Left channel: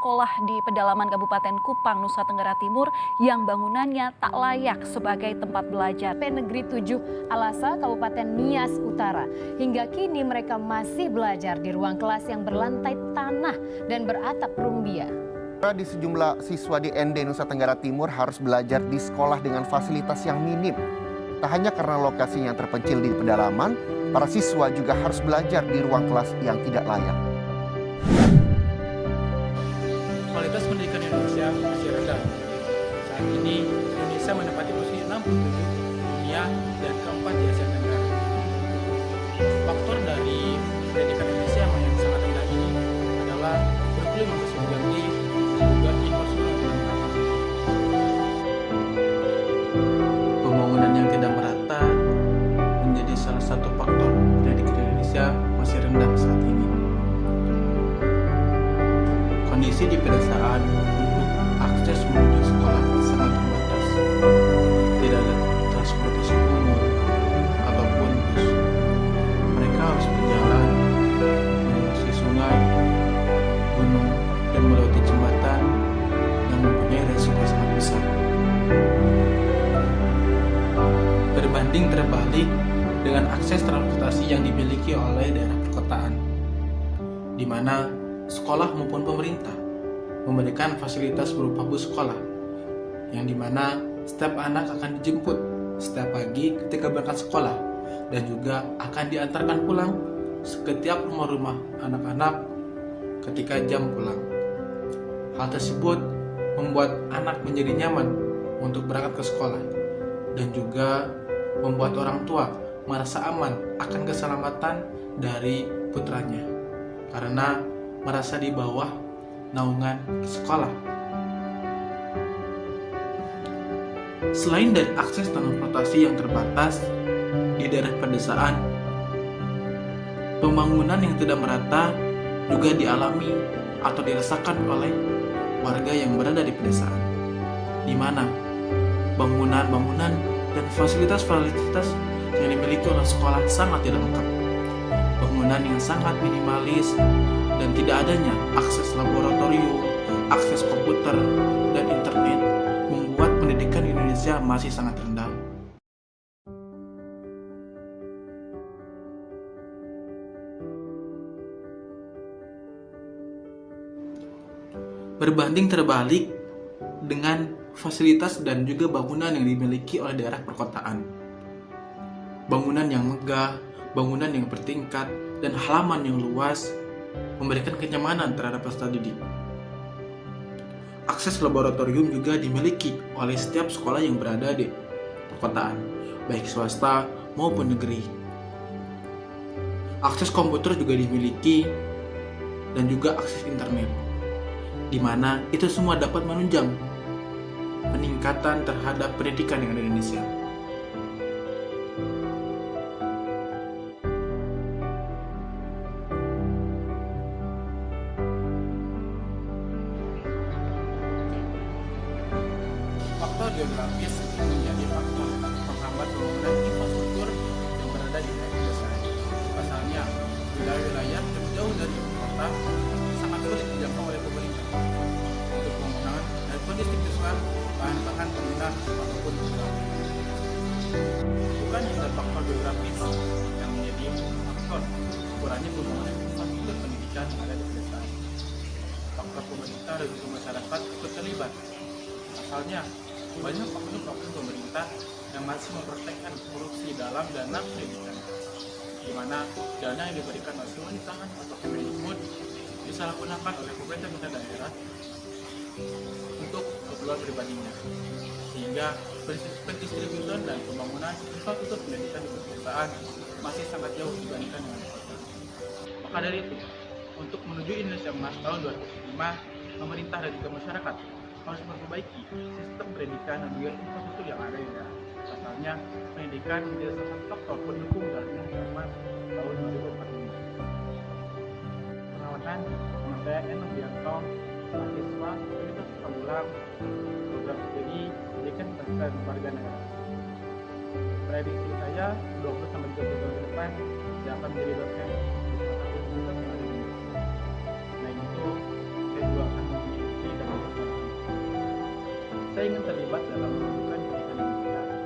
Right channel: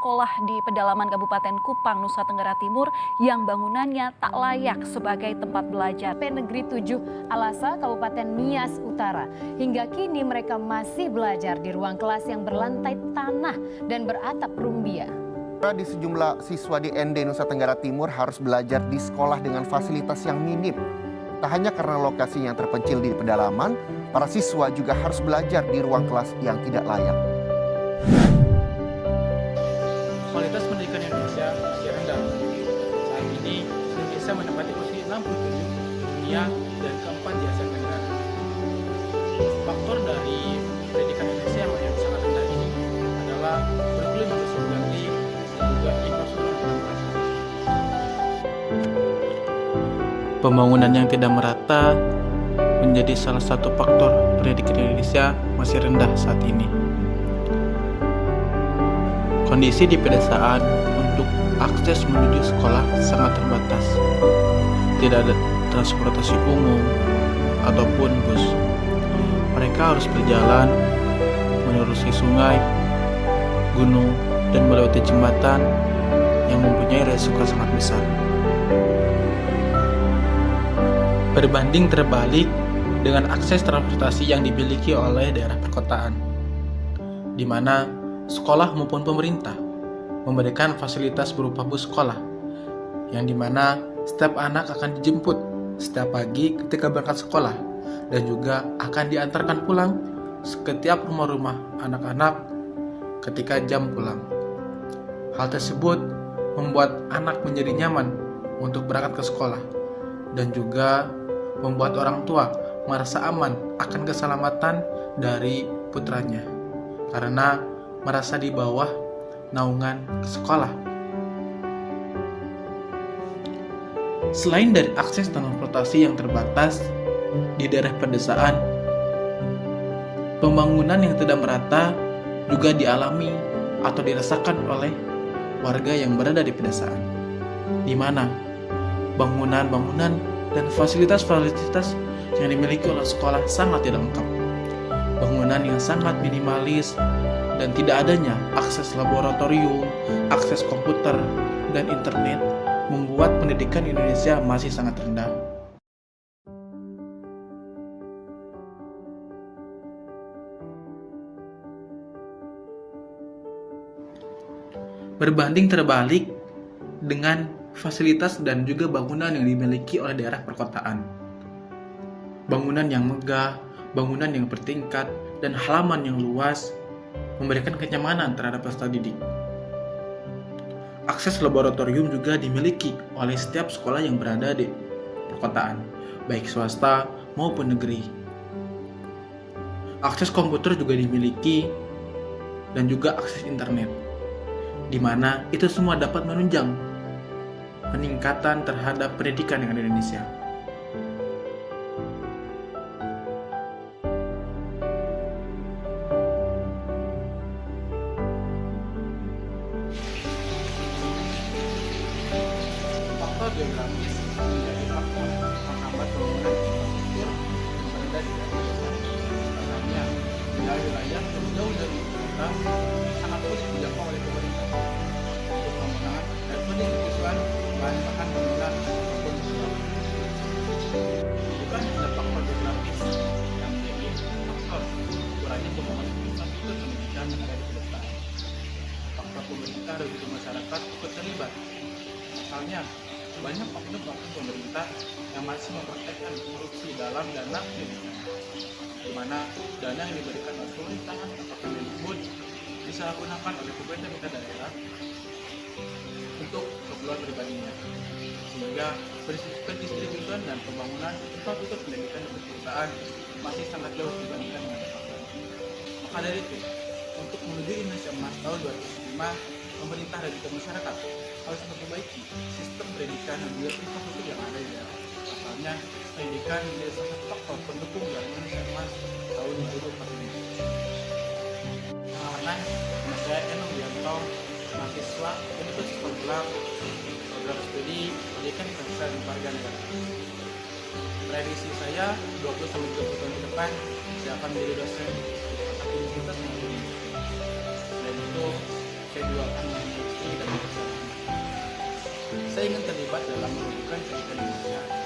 sekolah di pedalaman Kabupaten Kupang, Nusa Tenggara Timur yang bangunannya tak layak sebagai tempat belajar. Negeri 7 Alasa, Kabupaten Nias Utara. Hingga kini mereka masih belajar di ruang kelas yang berlantai tanah dan beratap rumbia. Di sejumlah siswa di ND Nusa Tenggara Timur harus belajar di sekolah dengan fasilitas yang minim. Tak hanya karena lokasinya yang terpencil di pedalaman, para siswa juga harus belajar di ruang kelas yang tidak layak. Kualitas pendidikan Indonesia masih rendah. Saat ini, Indonesia menempati posisi 67 di dunia dan keempat di Asia Tenggara. Faktor dari pendidikan Indonesia yang sangat rendah ini adalah kurikulum yang terus berganti dan juga infrastruktur yang tidak merata. Pembangunan yang tidak merata menjadi salah satu faktor pendidikan Indonesia masih rendah saat ini. Kondisi di pedesaan untuk akses menuju sekolah sangat terbatas. Tidak ada transportasi umum ataupun bus. Mereka harus berjalan menerusi sungai, gunung, dan melewati jembatan yang mempunyai resiko sangat besar. Berbanding terbalik dengan akses transportasi yang dimiliki oleh daerah perkotaan, di mana sekolah maupun pemerintah memberikan fasilitas berupa bus sekolah, yang dimana setiap anak akan dijemput setiap pagi ketika berangkat sekolah dan juga akan diantarkan pulang setiap rumah-rumah anak-anak ketika jam pulang. Hal tersebut membuat anak menjadi nyaman untuk berangkat ke sekolah dan juga membuat orang tua merasa aman akan keselamatan dari putranya karena merasa di bawah naungan sekolah. Selain dari akses transportasi yang terbatas di daerah pedesaan, pembangunan yang tidak merata juga dialami atau dirasakan oleh warga yang berada di pedesaan, di mana bangunan-bangunan dan fasilitas-fasilitas yang dimiliki oleh sekolah sangat tidak lengkap. Bangunan yang sangat minimalis dan tidak adanya akses laboratorium, akses komputer, dan internet membuat pendidikan Indonesia masih sangat rendah. Berbanding terbalik dengan fasilitas dan juga bangunan yang dimiliki oleh daerah perkotaan. Bangunan yang megah, bangunan yang bertingkat, dan halaman yang luas memberikan kenyamanan terhadap peserta didik. Akses laboratorium juga dimiliki oleh setiap sekolah yang berada di perkotaan, baik swasta maupun negeri. Akses komputer juga dimiliki dan juga akses internet, di mana itu semua dapat menunjang peningkatan terhadap pendidikan yang ada di Indonesia. Faktor geografis menjadi faktor menghambat pembangunan infrastruktur yang berada di daerah pedesaan. Pasalnya, wilayah-wilayah yang jauh dari ibu kota sangat sulit dijangkau oleh pemerintah untuk pembangunan dan pendistribusian bahan bangunan ataupun usaha. Bukan hanya faktor geografis yang menjadi faktor kurangnya pembangunan infrastruktur pendidikan yang ada di pedesaan. Faktor pemerintah dan juga masyarakat ikut terlibat. Asalnya, banyak oknum-oknum pemerintah yang masih mempraktekkan korupsi dalam dana pendidikan, di mana dana yang diberikan oleh pemerintahan atau Kemendikbud disalahgunakan oleh pemerintah daerah untuk keperluan pribadinya, sehingga pendistribusian dan pembangunan infrastruktur pendidikan di pedesaan masih sangat jauh dibandingkan dengan kota. Maka dari itu, untuk menuju Indonesia Emas tahun 2005, pemerintah dan juga masyarakat harus memperbaiki sistem pendidikan dan juga infrastruktur yang ada di daerah. Pasalnya, pendidikan menjadi salah satu faktor pendukung dari Indonesia Emas tahun 2045. Perkenalkan, nama saya Enung Bianto, mahasiswa Universitas Pamulang, program studi Pendidikan Bangsa dan Warga Negara. Prediksi saya 20-30 tahun ke depan saya akan menjadi dosen di salah satu universitas melalui industri. Selain itu, saya juga akan saya ingin terlibat dalam mewujudkan pendidikan Indonesia.